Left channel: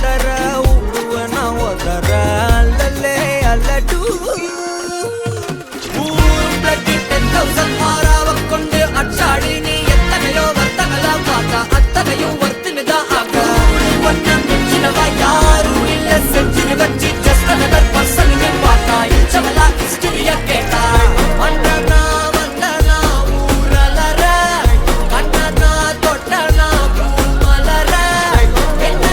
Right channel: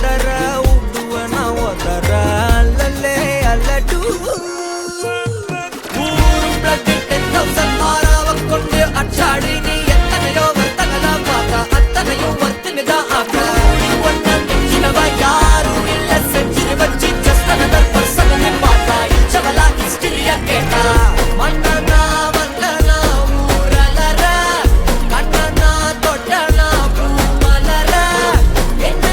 பதற உடுவனா ஒதற அல்லலே அல்லடு ஊரும் பிளட் 10,000 ஆறாவ கொண்டு அச்சாடி நீ எத்தனையோ வர்த்தங்களா பார்த்தா அத்தனையும் வர்த்தினுதான் ஆக ஒன்ன மிஞ்சினவா யாரும் இல்ல செஞ்சு வச்சு ஜஸ்ட் அனதர் பர்சன் நீ பார்த்தா இச்சவலா ஹிஸ்டரிய கேட்டா மன்னனா வந்தனா ஊரலற கண்ணனா தொட்டனா பூமலற என்ன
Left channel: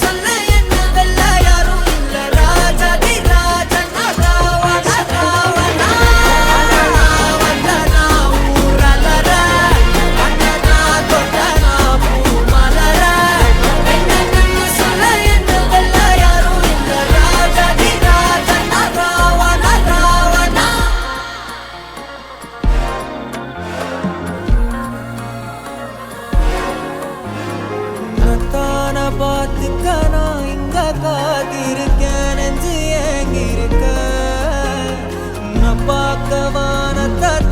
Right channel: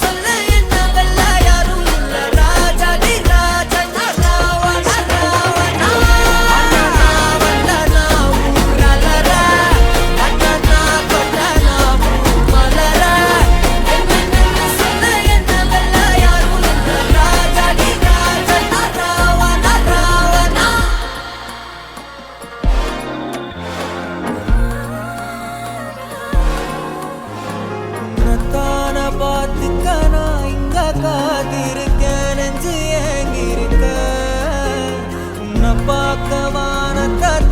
சொல்ல என்ன வெல்ல யாரும் இல்ல ராஜாதி ராஜனா ராவண ராவணா மன்னனா வந்தனா ஊரலற கண்ணனா தொட்டனா பூமலற என்ன சொல்ல என்ன வெல்ல யாரும் இல்ல ராஜாதி ராஜனா ராவண ராவணா உன்னத்தான பார்த்துக்க நான் இங்க காத்திருக்கேன் நெஞ்சு ஏங்கிருக்க உன்னை பார்க்க வானத்தான்